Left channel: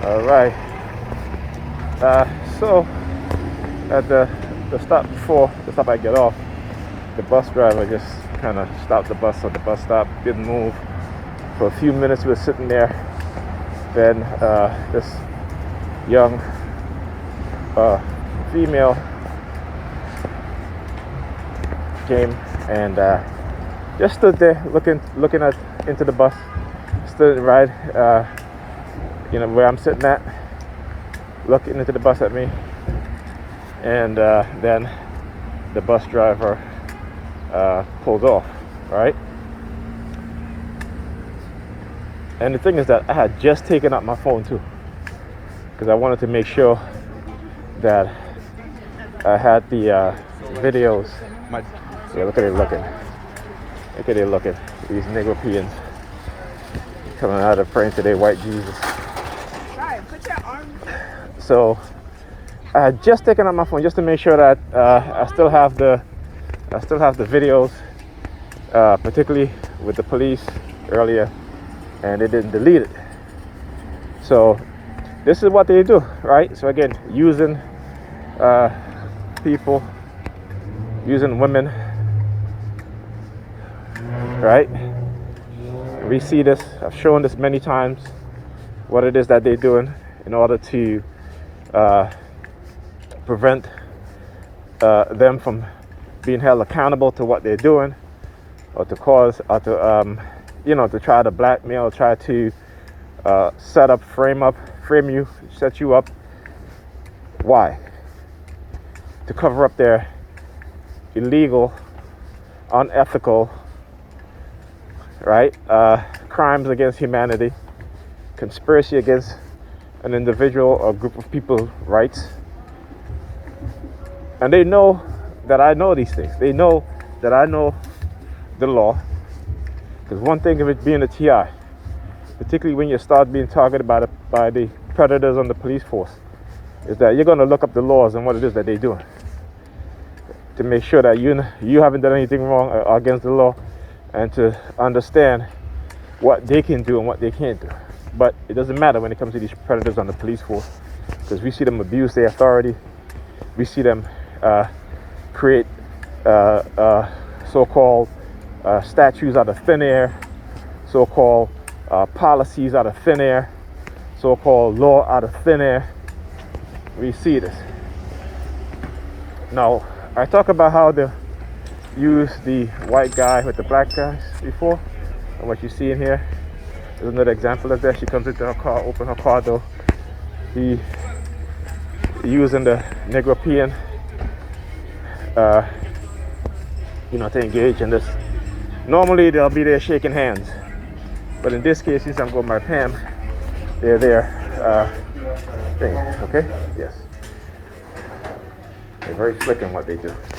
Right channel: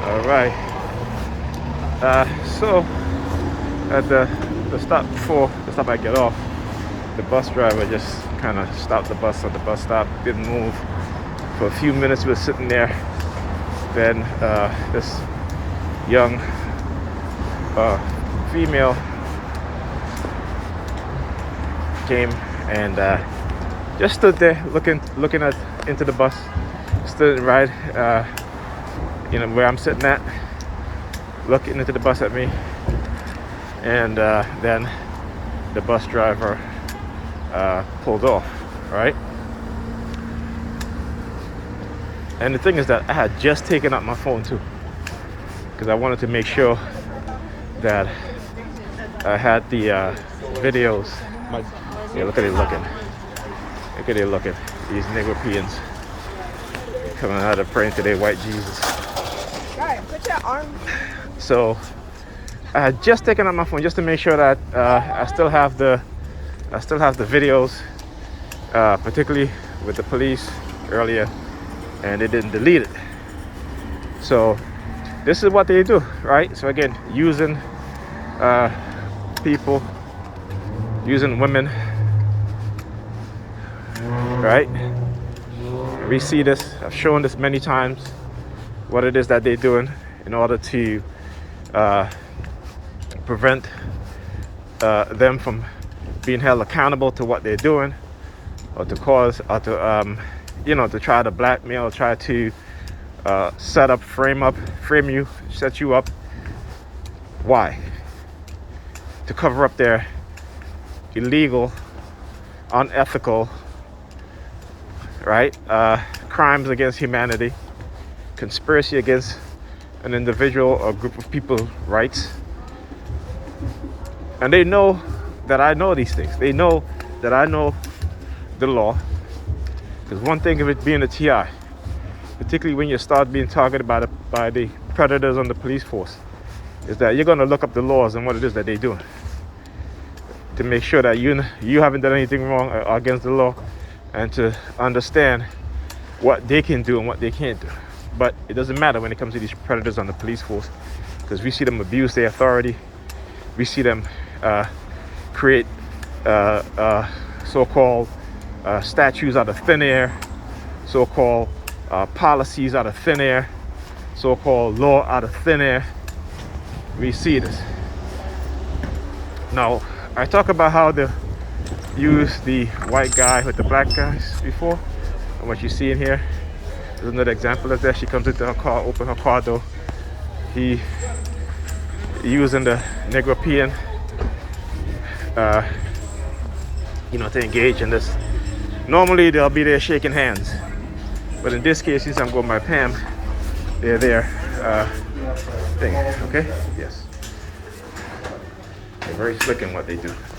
All right. So at the stop before the stop I get off, the bus driver just kind of stopped the bus at the bus stop, didn't move. For a few minutes we were sitting there. Then this young female came and just stood there looking into the bus, stood right where I'm sitting at, looking into the bus at me. And then the bus driver pulled off, right? And the thing is that I had just taken out my phone too, because I wanted to make sure that I had the videos. Look at it looking. Look at it looking. These Negropeans coming out of praying to their white Jesus. Guy, put your arm. So I had just taken out my phone just to make sure that I still have the videos, particularly with the police earlier, and they didn't delete it. So this is what they do, right? So again, using people, using women, right? We see this. I've shown this many times, what it is that they're doing in order to prevent them from being held accountable to what they're doing, or to cause, or to to try to blackmail, try to frame you, set you up. Why? To cover up their illegal, unethical, right, crimes against humanity, conspiracy against an individual or group of people's rights. And they know that I know these things. They know that I know the law. Because one thing of it being a TI, particularly when you start being targeted by the predators on the police force, is that you're going to look up the laws and what it is that they're doing, to make sure that you haven't done anything wrong or against the law, and to understand what they can do and what they can't do. But it doesn't matter when it comes to these predators on the police force, because we see them abuse their authority. We see them create so-called statutes out of thin air, so-called policies out of thin air, so-called law out of thin air. We see this. Now, I talk about how to use the white guy with the black guys before, and what you see in here is another example of that. She comes into her car, open her car door. He using the Negropean to engage in this. Normally they'll be there shaking hands, but in this case, since I'm going by Pam, they're there thing. Okay, yes, they're very slick in what they do.